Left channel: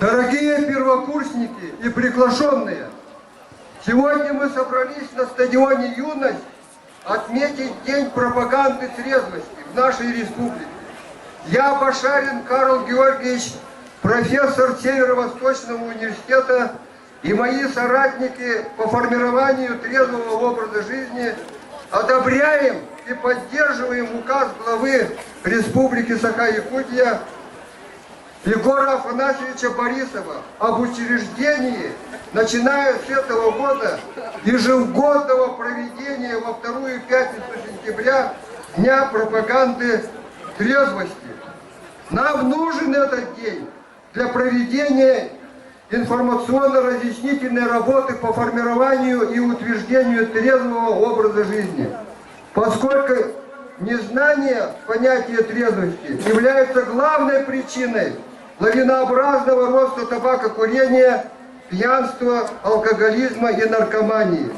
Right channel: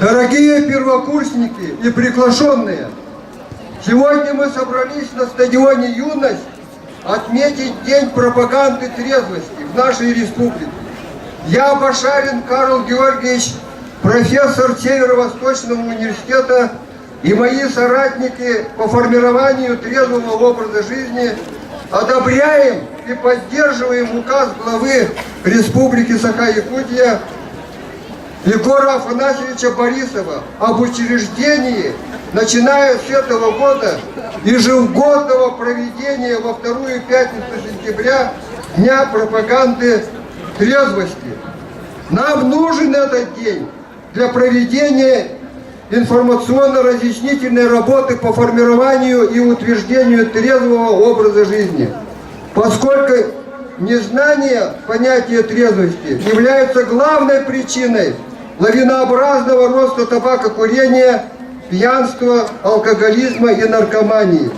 Дорогие первокурсники и приглашенные, сегодня мы собрались на стадионе «Юность» отметить День пропаганды трезвости в нашей республике. Я, Башарин Карл Георгиевич, профессор Северо-Восточного университета, и мои соратники по формированию трезвого образа жизни одобряем и поддерживаем указ главы Республики Саха-Якутия Егора Афанасьевича Борисова об учреждении, начиная с этого года, ежегодного проведения во вторую пятницу сентября Дня пропаганды трезвости. Нам нужен этот день для проведения информационно-разъяснительной работы по формированию и утверждению трезвого образа жизни, поскольку незнание понятия трезвости является главной причиной лавинообразного роста табакокурения, пьянства, алкоголизма и наркомании.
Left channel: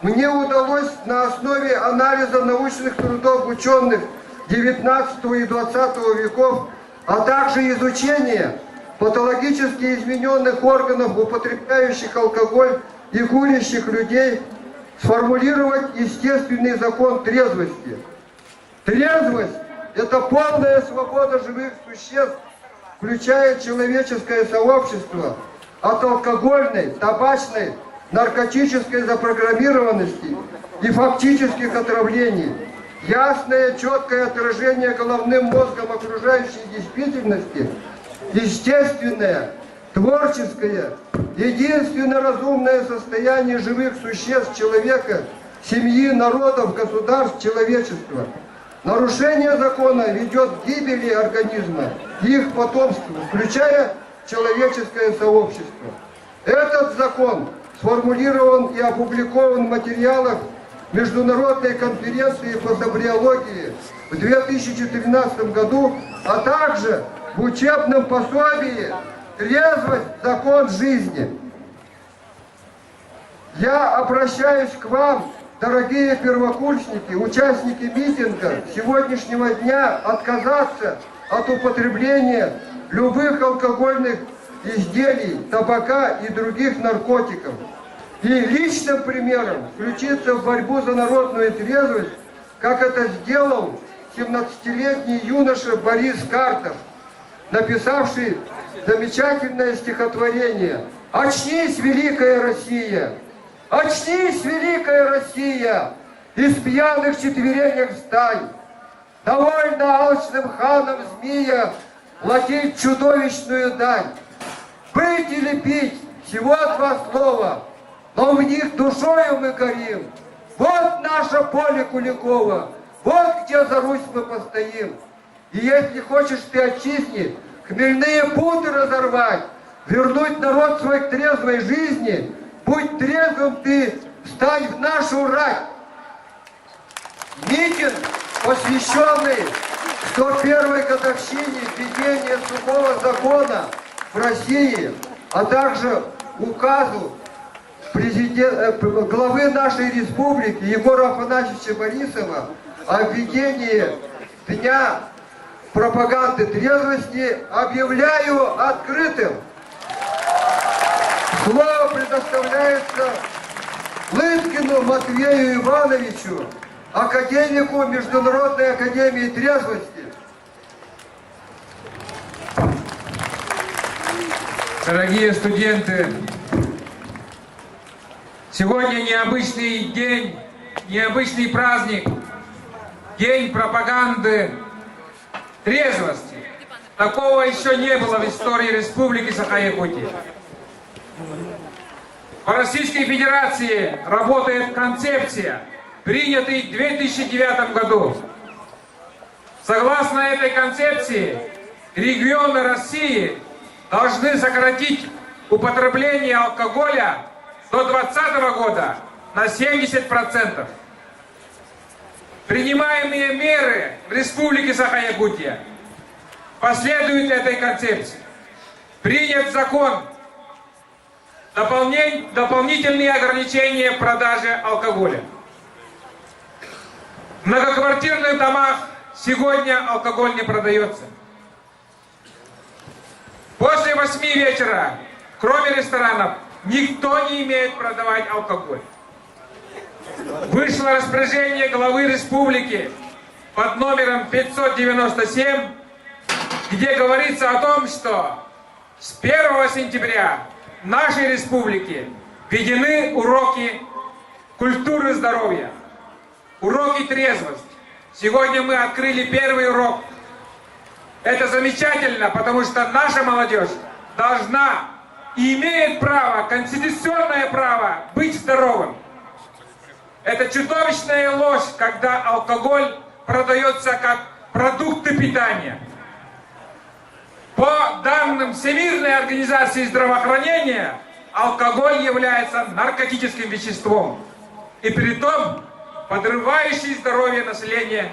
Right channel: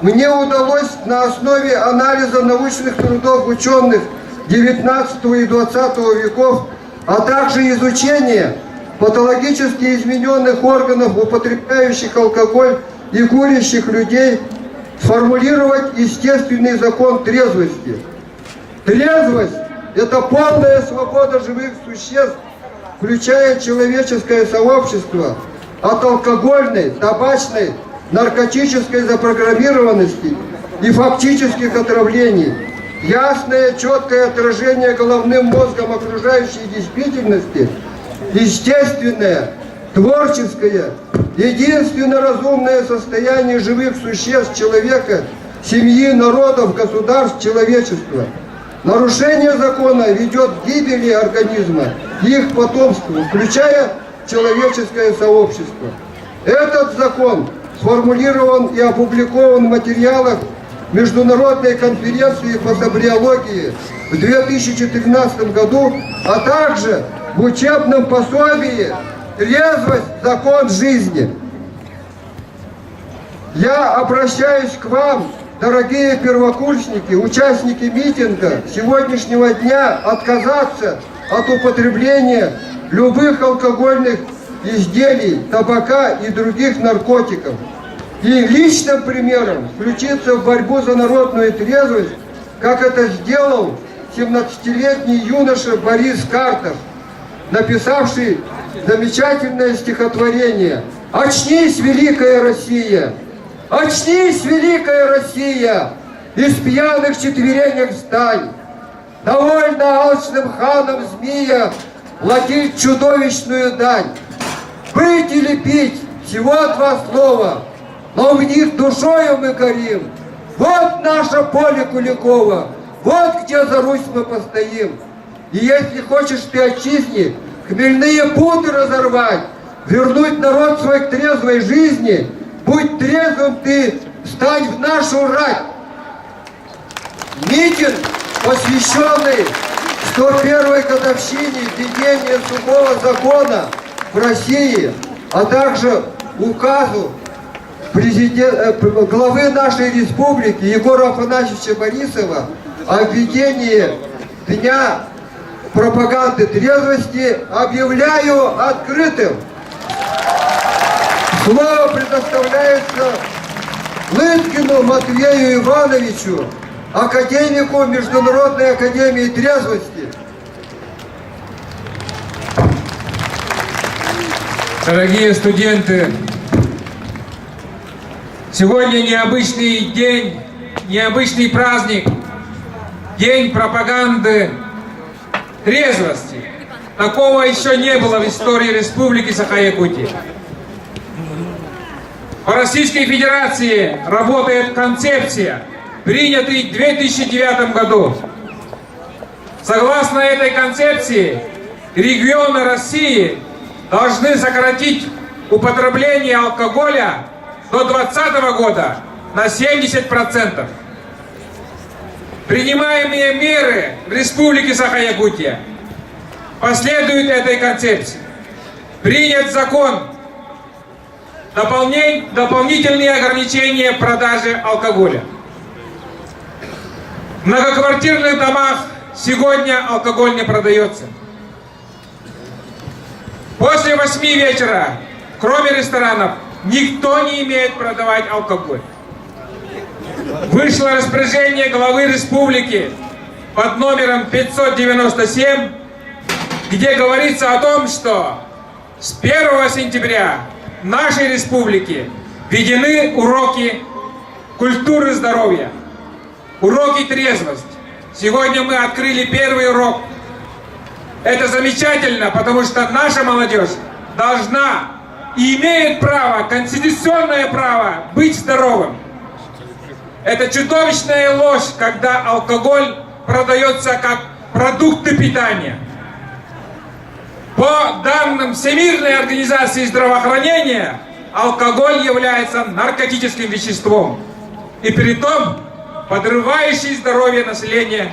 Мне удалось на основе анализа научных трудов ученых XIX и XX веков, а также изучения патологически измененных органов, употребляющих алкоголь и курящих людей, сформулировать естественный закон трезвости. Трезвость – это полная свобода живых существ, включая человеческое сообщество, от алкогольной, табачной, наркотической запрограммированности и фактических отравлений. Ясное, четкое отражение головным мозгом окружающей действительности, естественное, творческое, единственно разумное состояние живых существ человека, семьи, народов, государств, человечества. Нарушение закона ведет к гибели организма и их потомству, включая человеческое сообщество. Этот закон сформулирован и опубликован в материалах Международной конференции по сабриологии в 2014 году, а также в учебном пособии «Трезвость – закон жизни». Я обращаюсь к вам, дорогие первокурсники, участники митинга сегодняшнего дня, отказаться от употребления любых алкогольных изделий, табака и других наркотиков. И личным примером включиться в борьбу за народную трезвость, как это сделал 17-летний юноша Борис Карташ, написавший замечательное стихотворение «Очнись, великая Россия! Очнись, великая Россия! Из пьяных четверенек встань! Довольно алчным ханам змея платить чудовищную дань! Быть или пить – всего два слова, но в них душою мы горим. Вот наше поле Куликова, вот где за Русь мы постоим. И если хочешь ты отчизне хмельные путы разорвать, вернуть народ свой к трезвой жизни, будь трезвым ты, встань в нашу рать. Митинг, посвященный 101-й годовщине введения сухого закона в России, а также указу главы нашей республики Егора Афанасьевича Борисова о введении Дня пропаганды трезвости, объявляю открытым. Слово предоставляется Лыткину Матвею Ивановичу, академику Международной академии трезвости. Дорогие студенты, сегодня необычный день, необычный праздник, День пропаганды трезвости. Такого еще не было в истории Республики Саха-Якутия. По Российской Федерации работает концепция, принятая в 2009 году. Согласно этой концепции, регионы России должны сократить употребление алкоголя до 2020 года на 70%. Принимаемые меры в Республике Саха-Якутия последуют этой концепции. Принят закон, дополнительные ограничения продажи алкоголя. многоквартирных домах сегодня алкоголь не продается. После 8 вечера, кроме ресторанов, никто не имеет продавать алкоголь. Вышло распоряжение главы республики под номером 597, где говорится о том, что с 1 сентября в нашей республике введены уроки культуры здоровья, уроки трезвости. Сегодня мы открыли первый урок. Это замечательно, потому что наша молодежь должна и имеет право, конституционное право быть здоровым. Это чудовищная ложь, когда алкоголь продается как продукты питания. По данным Всемирной организации здравоохранения, алкоголь является наркотическим веществом, и притом подрывающий здоровье населения.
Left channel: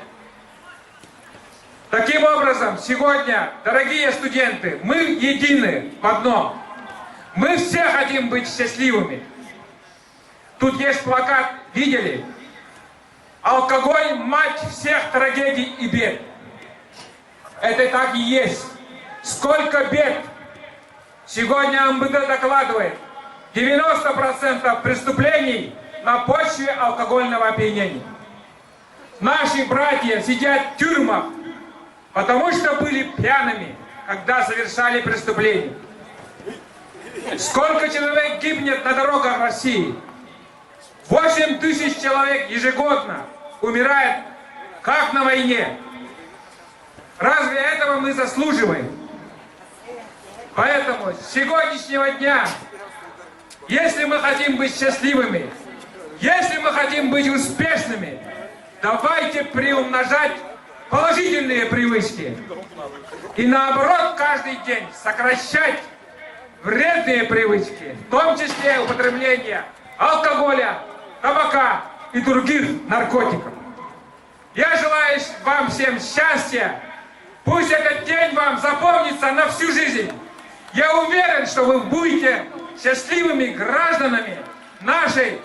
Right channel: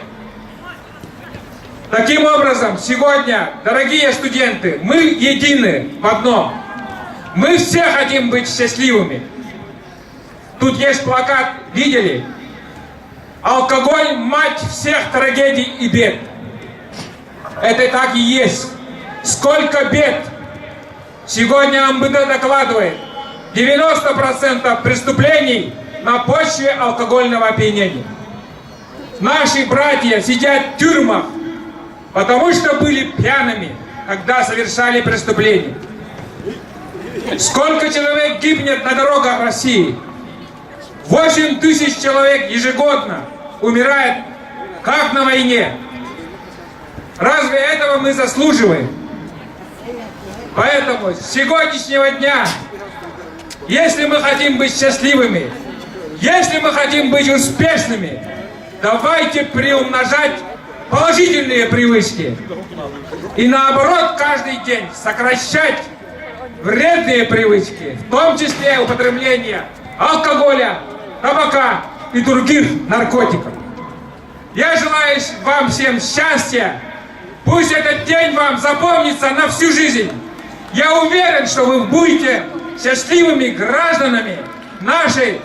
Таким образом, сегодня, дорогие студенты, мы едины в одном. Мы все хотим быть счастливыми. Тут есть плакат, видели? Алкоголь – мать всех трагедий и бед. Это так и есть. Сколько бед! Сегодня МВД докладывает, 90% преступлений на почве алкогольного опьянения. Наши братья сидят в тюрьмах, потому что были пьяными, когда совершали преступления. Сколько человек гибнет на дорогах России? 8 тысяч человек ежегодно умирает, как на войне. Разве этого мы заслуживаем? Поэтому с сегодняшнего дня, если мы хотим быть счастливыми, если мы хотим быть успешными, давайте приумножать положительные привычки и наоборот каждый день сокращать вредные привычки, в том числе употребление алкоголя, табака и других наркотиков. Я желаю вам всем счастья. Пусть этот день вам запомнится на всю жизнь. Я уверен, что вы будете счастливыми гражданами нашей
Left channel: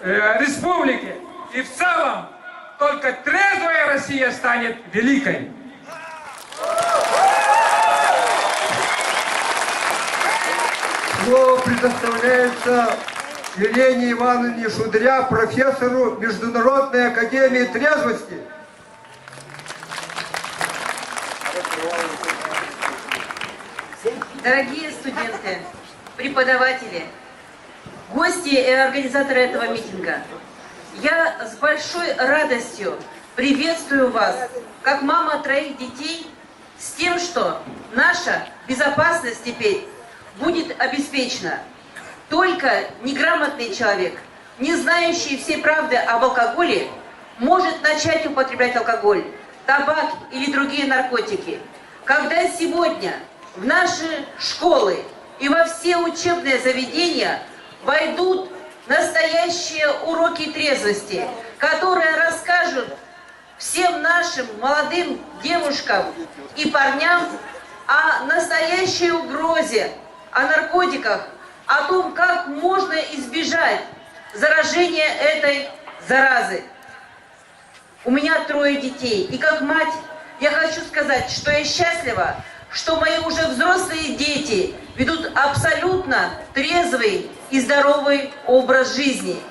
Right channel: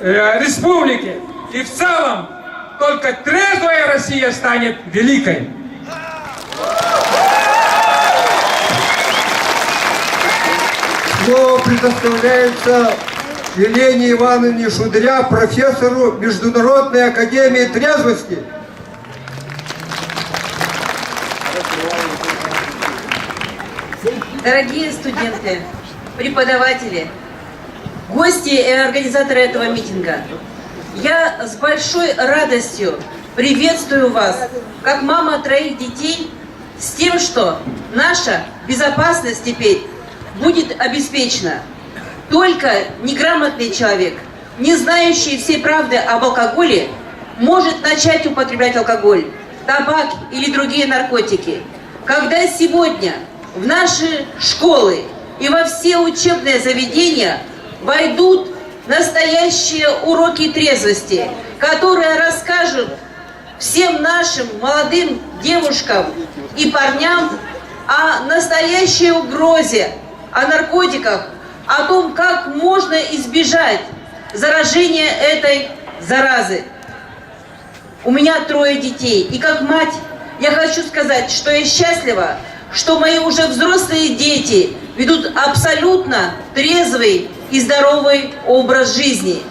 республики. И в целом только трезвая Россия станет великой. Слово предоставляется Елене Ивановне Шудря, профессору Международной академии трезвости. Дорогие студенты, преподаватели, гости и организаторы этого митинга, я с большой радостью приветствую вас, как мама 3 детей, с тем, что наша безопасность теперь будет обеспечена. Только неграмотный человек, не знающий всей правды об алкоголе, может начать употреблять алкоголь, табак или другие наркотики. Когда сегодня в наши школы и во все учебные заведения войдут настоящие уроки трезвости, которые расскажут всем нашим молодым девушкам и парням о настоящей угрозе, о наркотиках, о том, как можно избежать заражения этой заразы. У меня 3 детей, и как мать я хочу сказать, что я счастлива, что мои уже взрослые дети ведут абсолютно трезвый и здоровый образ жизни.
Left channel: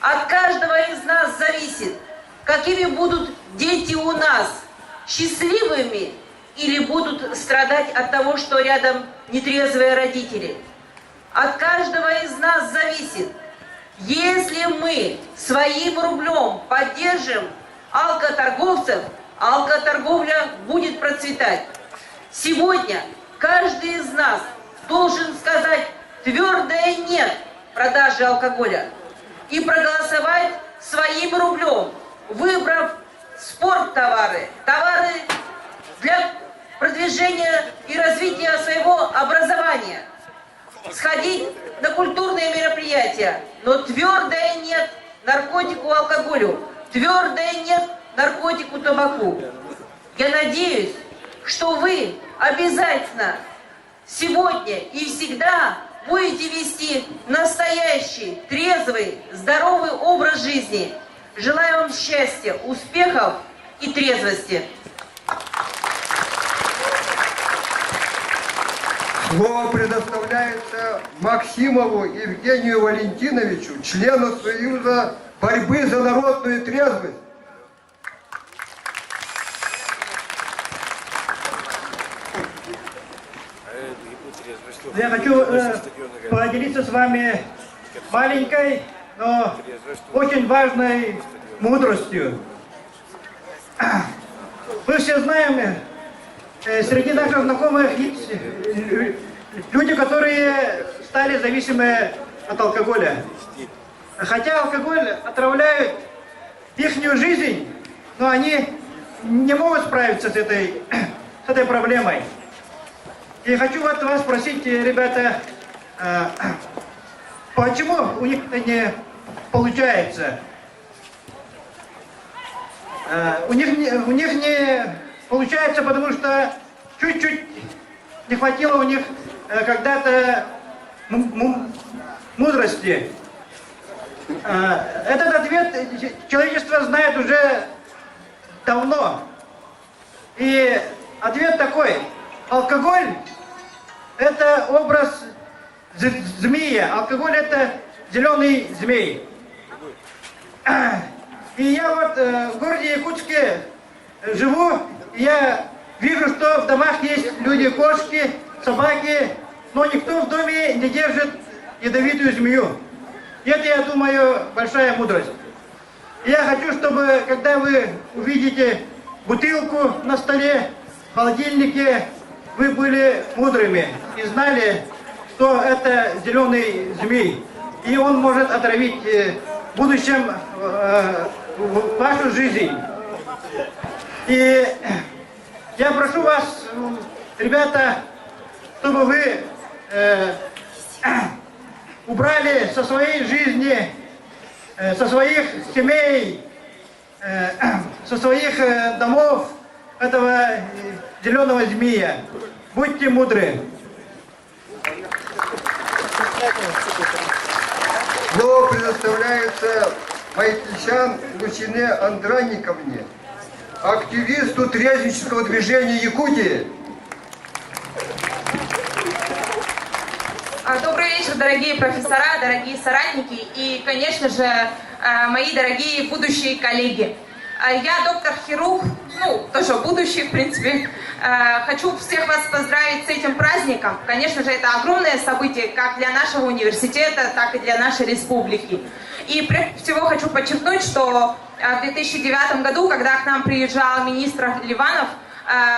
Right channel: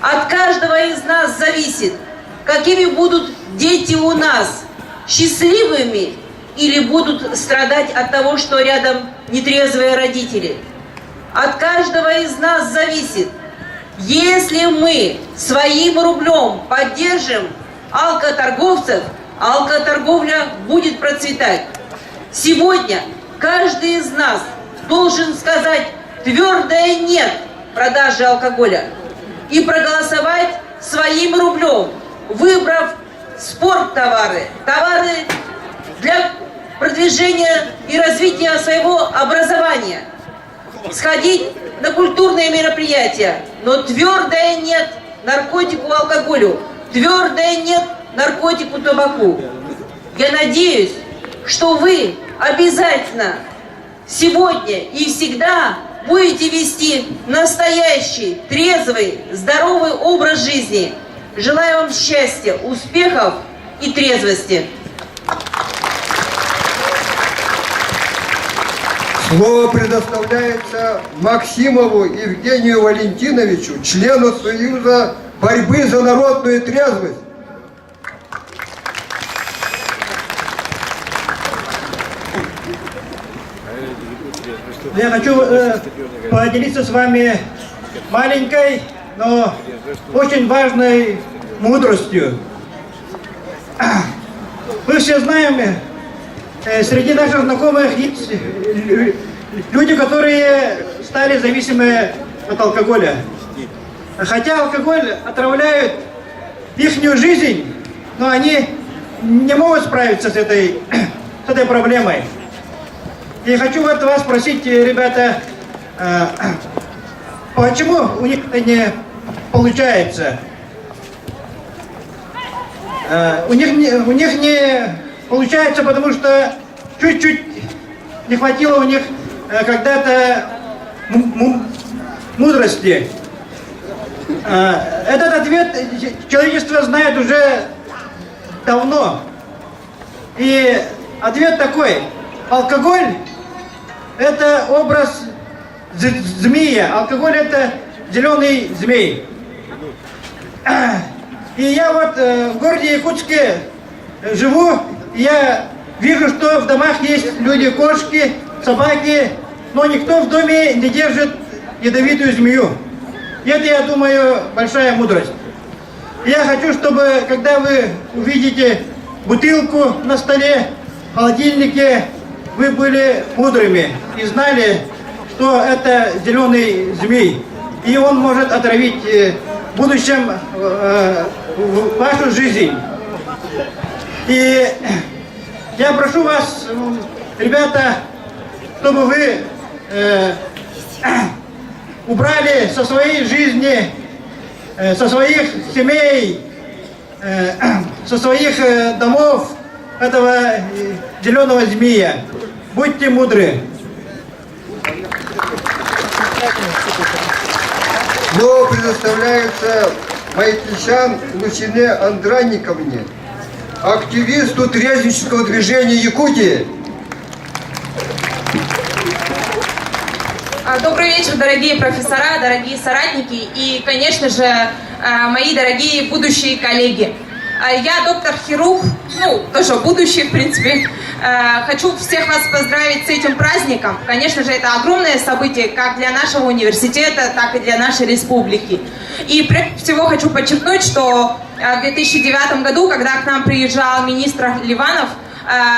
От каждого из нас зависит, какими будут дети у нас, счастливыми или будут страдать от того, что рядом нетрезвые родители. От каждого из нас зависит, если мы своим рублем поддержим алкоторговцев, алкоторговля будет процветать. Сегодня каждый из нас должен сказать твердое «нет» продаже алкоголя и проголосовать своим рублем, выбрав спорттовары, товары для продвижения и развития своего образования, сходить на культурные мероприятия, но твердое «нет» наркотику, алкоголю, твердое «нет» наркотику, табаку. Я надеюсь, что вы обязательно сегодня и всегда будете вести настоящий, трезвый, здоровый образ жизни, Желаю вам счастья, успехов и трезвости. Слово предоставляется Максимову Евгению Валентиновичу, члену Союза борьбы за народную трезвость. Я хочу поделиться с вами маленькой, но очень важной мудростью. Мы все знаем, среди наших знакомых есть люди, которые стали зависимы от алкоголя. Хотя алкоголь отравляет их жизнь, но они не могут справиться с этой проблемой. И хочу вот вас спросить, ребята, почему у них это не получается? У них не получается, потому что чуть-чуть не хватило у них когда-то мудрости. Этот ответ человечество знает уже давно. И ответ такой: алкоголь – это образ змея. Алкоголь – это зеленый змей. И я вот в городе Якутске живу, и я вижу, что в домах есть люди, кошки, собаки, но никто в доме не держит ядовитую змею. И это, я думаю, большая мудрость. И я хочу, чтобы, когда вы увидите бутылку на столе, в холодильнике, вы были мудрыми и знали, что это зеленый змей. И он может отравить в будущем вашу жизнь. И я прошу вас, ребята, чтобы вы убрали со своей жизни, со своих семей, со своих домов этого зеленого змея. Будьте мудры. Слово предоставляется Майтищан Лучине Андранниковне, активисту трезвеннического движения Якутии. Добрый вечер, дорогие профессора, дорогие соратники и, конечно же, мои дорогие будущие коллеги. Я доктор-хирург, тоже будущий, в принципе. Хочу всех вас поздравить с этим праздником. Конечно же, это огромное событие как для нашего университета, так и для нашей республики. И прежде всего хочу подчеркнуть, что в 2009 году, когда к нам приезжал министр Ливанов,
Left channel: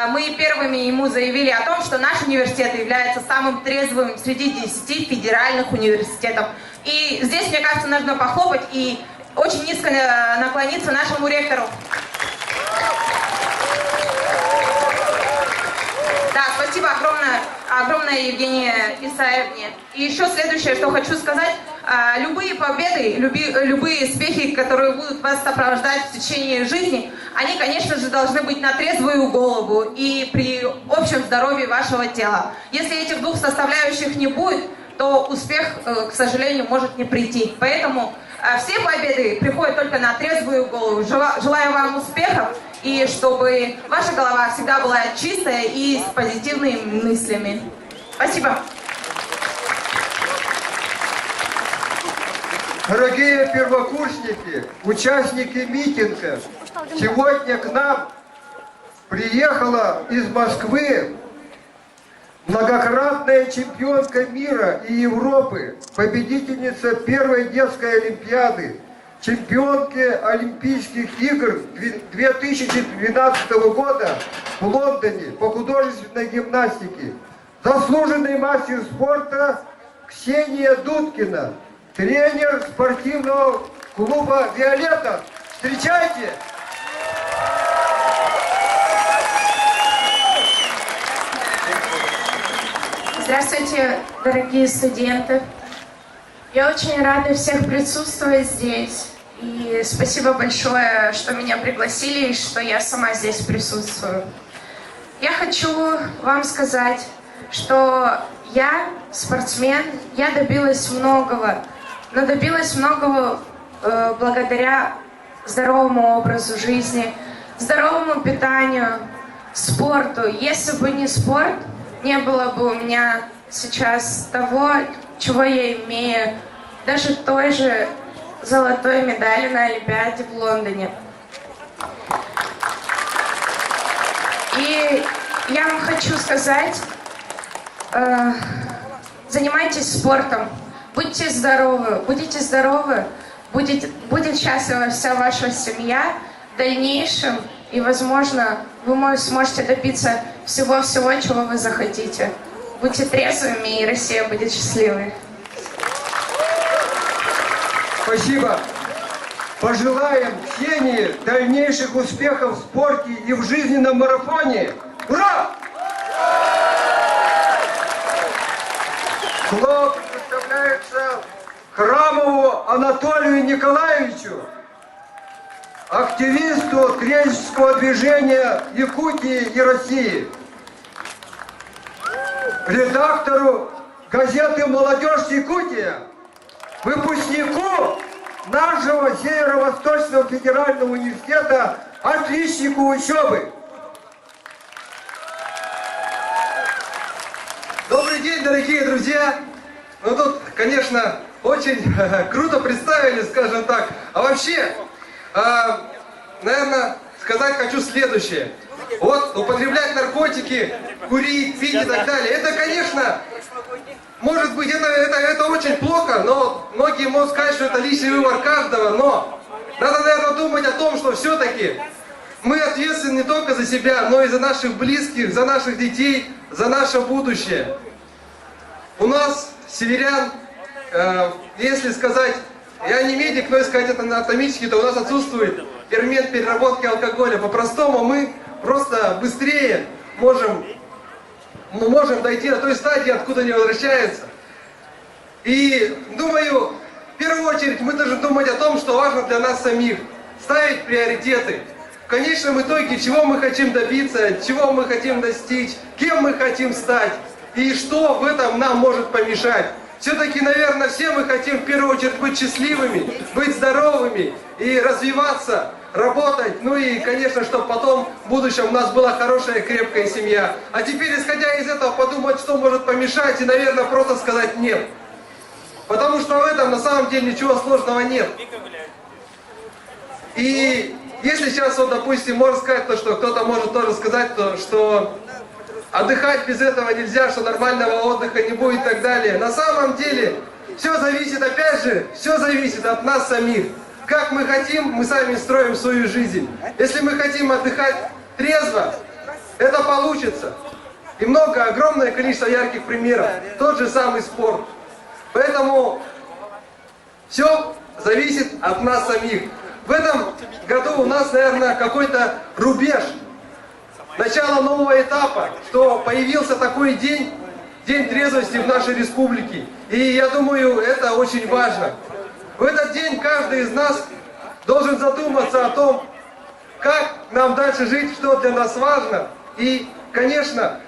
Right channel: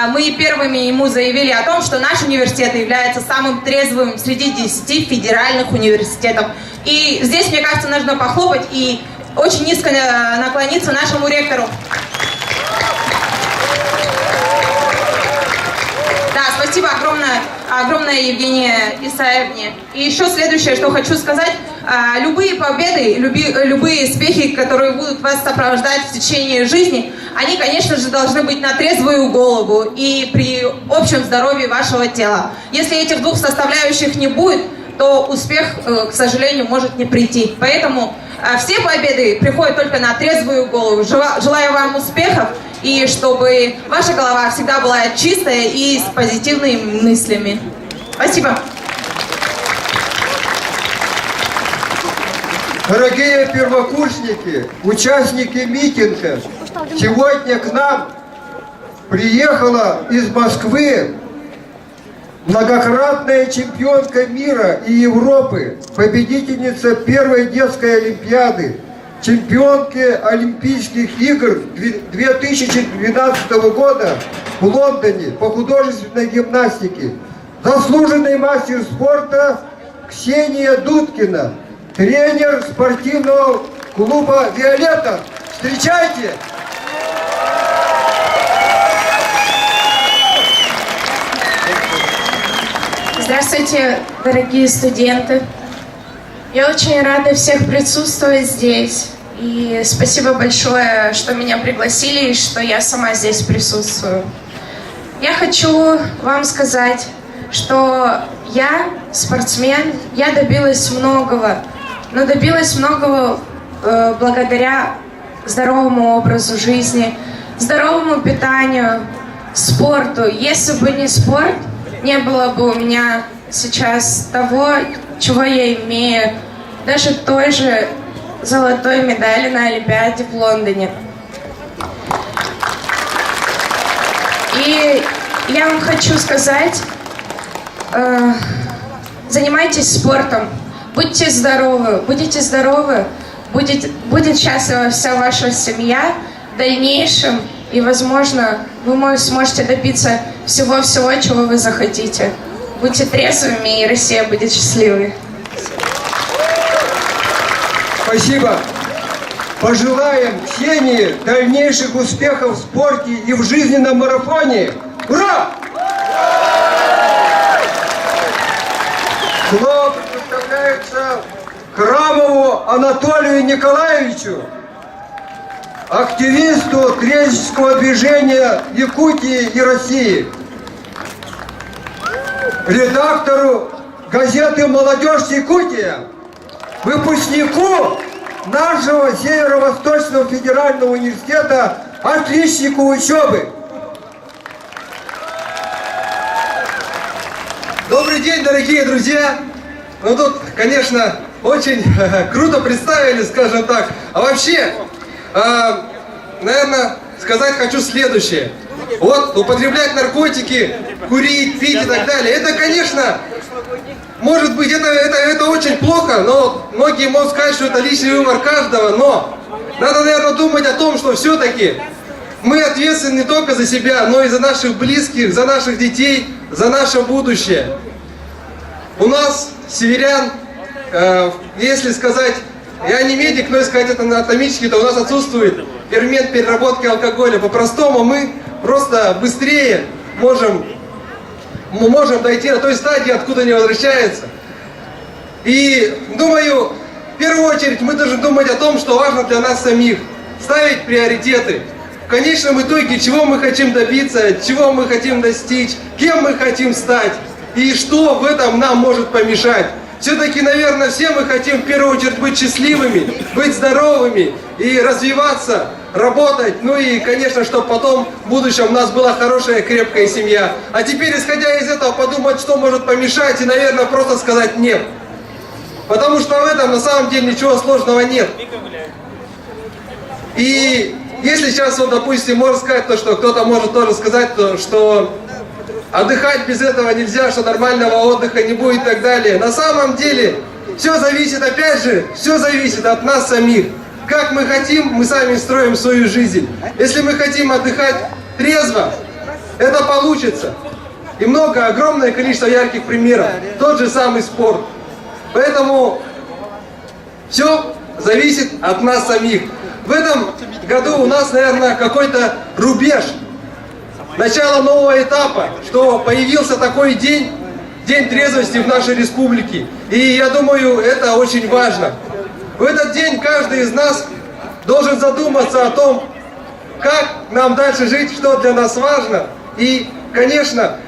мы первыми ему заявили о том, что наш университет является самым трезвым среди 10 федеральных университетов. И здесь, мне кажется, нужно похлопать и очень низко наклониться нашему ректору. Да, спасибо огромное Евгения Исаевне. И еще следующее, что хочу сказать. Любые победы, любые успехи, которые будут вас сопровождать в течение жизни, они, конечно же, должны быть на трезвую голову и при общем здоровье вашего тела. Если этих двух составляющих не будет, то успех, к сожалению, может не прийти. Поэтому все победы приходят только на трезвую голову. Желаю вам успехов и чтобы ваша голова всегда была чистая и с позитивными мыслями. Спасибо. Дорогие первокурсники, участники митинга, сегодня к нам приехала из Москвы многократная чемпионка мира и Европы, победительница первой детской олимпиады, чемпионки Олимпийских игр 2012 года в Лондоне по художественной гимнастике, заслуженный мастер спорта Ксения Дудкина, тренер спортивного клуба «Виолетта». Встречайте! Здравствуйте, дорогие студенты. Я очень рада всех присутствовать здесь. И спасибо большое, что меня пригласили и что я сама здесь присутствую. Я хочу вам сказать, что я спортсмен, я добилась многого, но добилась многого благодаря здоровому образу жизни, здоровому питанию, спорту. Если бы не спорт, не было бы у меня сейчас того, чего я имею, даже той же золотой медали на Олимпиаде в Лондоне. И я вам хочу сказать, занимайтесь спортом, будьте здоровы, будете здоровы, будет счастлива вся ваша семья в дальнейшем, и, возможно, вы сможете добиться всего-всего, чего вы захотите. Будьте трезвыми, и Россия будет счастливой. Спасибо. Пожелаем Ксении дальнейших успехов в спорте и в жизненном марафоне. Ура! Слово предоставляется Храмову Анатолию Николаевичу, активисту трезвеннического движения Якутии и России, редактору газеты «Молодежь Якутия», выпускнику нашего Северо-Восточного федерального университета, отличнику учебы. Добрый день, дорогие друзья! Ну тут, конечно, очень круто представили, скажем так. А вообще, наверное, сказать хочу следующее. Вот употреблять наркотики, курить, пить и так далее, это, конечно, может быть, это очень плохо, но многие могут сказать, что это личный выбор каждого, но надо, наверное, думать о том, что все-таки мы ответственны не только за себя, но и за наших близких, за наших детей, за наше будущее. У нас, северян, если сказать, я не медик, но если сказать это анатомически, то у нас отсутствует фермент переработки алкоголя. По-простому мы просто быстрее можем дойти до той стадии, откуда не возвращается. И думаю, в первую очередь мы должны думать о том, что важно для нас самих, ставить приоритеты. В конечном итоге, чего мы хотим добиться, чего мы хотим достичь, кем мы хотим стать и что в этом нам может помешать. Все-таки, наверное, все мы хотим в первую очередь быть счастливыми, быть здоровыми и развиваться, работать. Ну и, конечно, чтобы потом в будущем у нас была хорошая, крепкая семья. А теперь, исходя из этого, подумать, что может помешать и, наверное, просто сказать «нет». Потому что в этом на самом деле ничего сложного нет. И если сейчас, вот, допустим, можно сказать то, что кто-то может тоже сказать, то, что отдыхать без этого нельзя, что нормального отдыха не будет и так далее. На самом деле, все зависит, опять же, все зависит от нас самих. Как мы хотим, мы сами строим свою жизнь. Если мы хотим отдыхать трезво, это получится. И огромное количество ярких примеров. Тот же самый спорт. Поэтому все зависит от нас самих. В этом году у нас, наверное, какой-то рубеж. Начало нового этапа, что появился такой день трезвости в нашей республике. И я думаю, это очень важно. В этот день каждый из нас должен задуматься о том, как нам дальше жить, что для нас важно. И, конечно,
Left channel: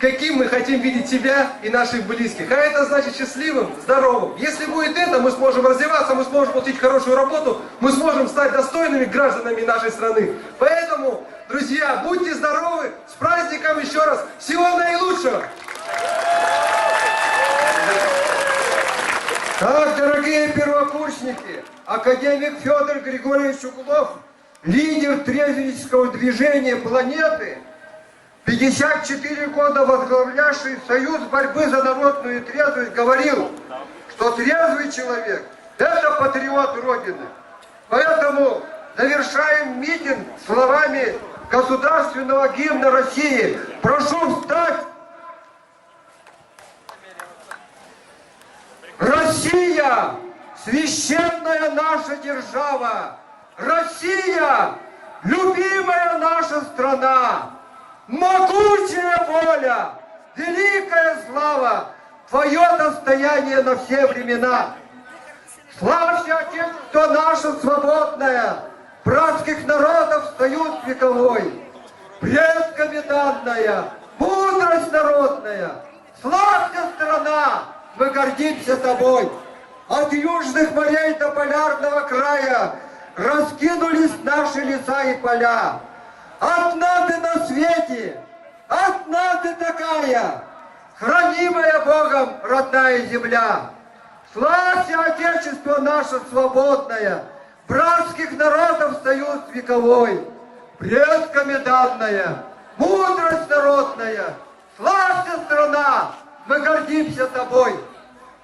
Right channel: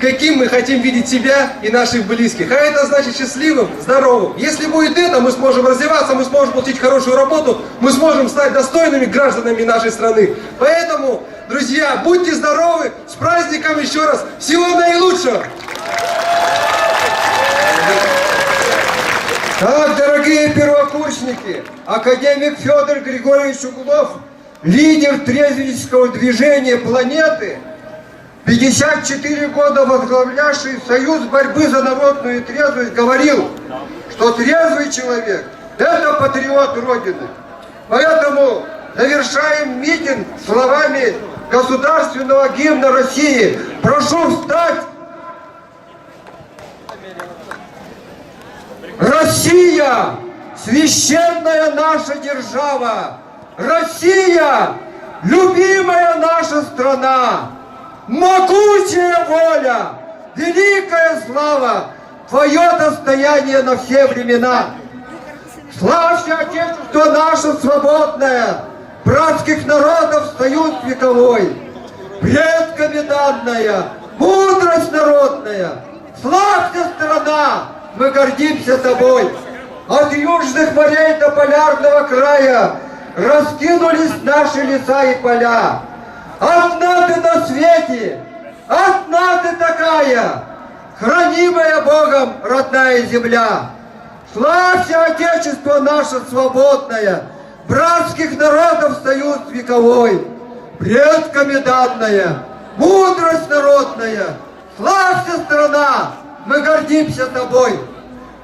каким мы хотим видеть себя и наших близких. А это значит счастливым, здоровым. Если будет это, мы сможем развиваться, мы сможем получить хорошую работу, мы сможем стать достойными гражданами нашей страны. Поэтому, друзья, будьте здоровы, с праздником еще раз, всего наилучшего! Так, дорогие первокурсники, академик Федор Григорьевич Углов, лидер трезвеннического движения планеты, 54 года возглавлявший Союз борьбы за народную трезвость, говорил, что трезвый человек – это патриот Родины. Поэтому завершаем митинг словами государственного гимна России. Прошу встать! Россия – священная наша держава! Россия – любимая наша страна! Могучая воля, великая слава, твое достояние на все времена. Славься, Отечество наше свободное, братских народов союз вековой, предками данная, мудрость народная. Славься, страна, мы гордимся тобой. От южных морей до полярного края раскинулись наши леса и поля. Одна ты на свете, одна ты такая, хранимая Богом родная земля. Славься, Отечество наше свободное, братских народов союз вековой, предками данная, мудрость народная. Славься, страна, мы гордимся тобой.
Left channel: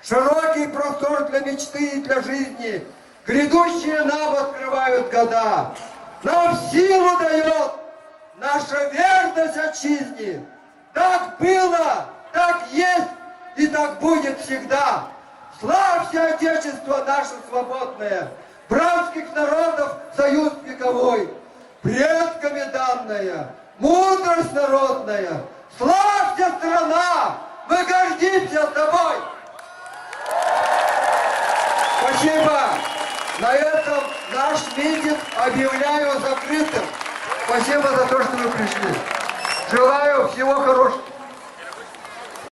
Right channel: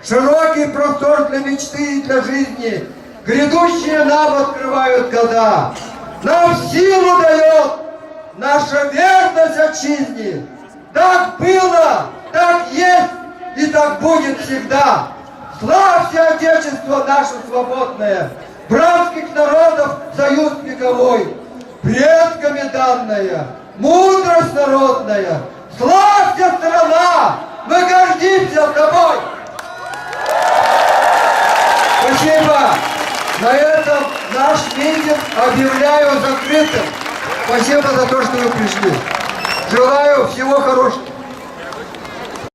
Широкий простор для мечты и для жизни, грядущие нам открывают года. Нам силу дает наша верность отчизне. Так было, так есть и так будет всегда. Славься, Отечество наше свободное, братских народов союз вековой, предками данная, мудрость народная. Славься, страна, мы гордимся тобой. Спасибо. На этом наш митинг объявляю закрытым. Спасибо за то, что вы пришли. Желаю всего хорошего.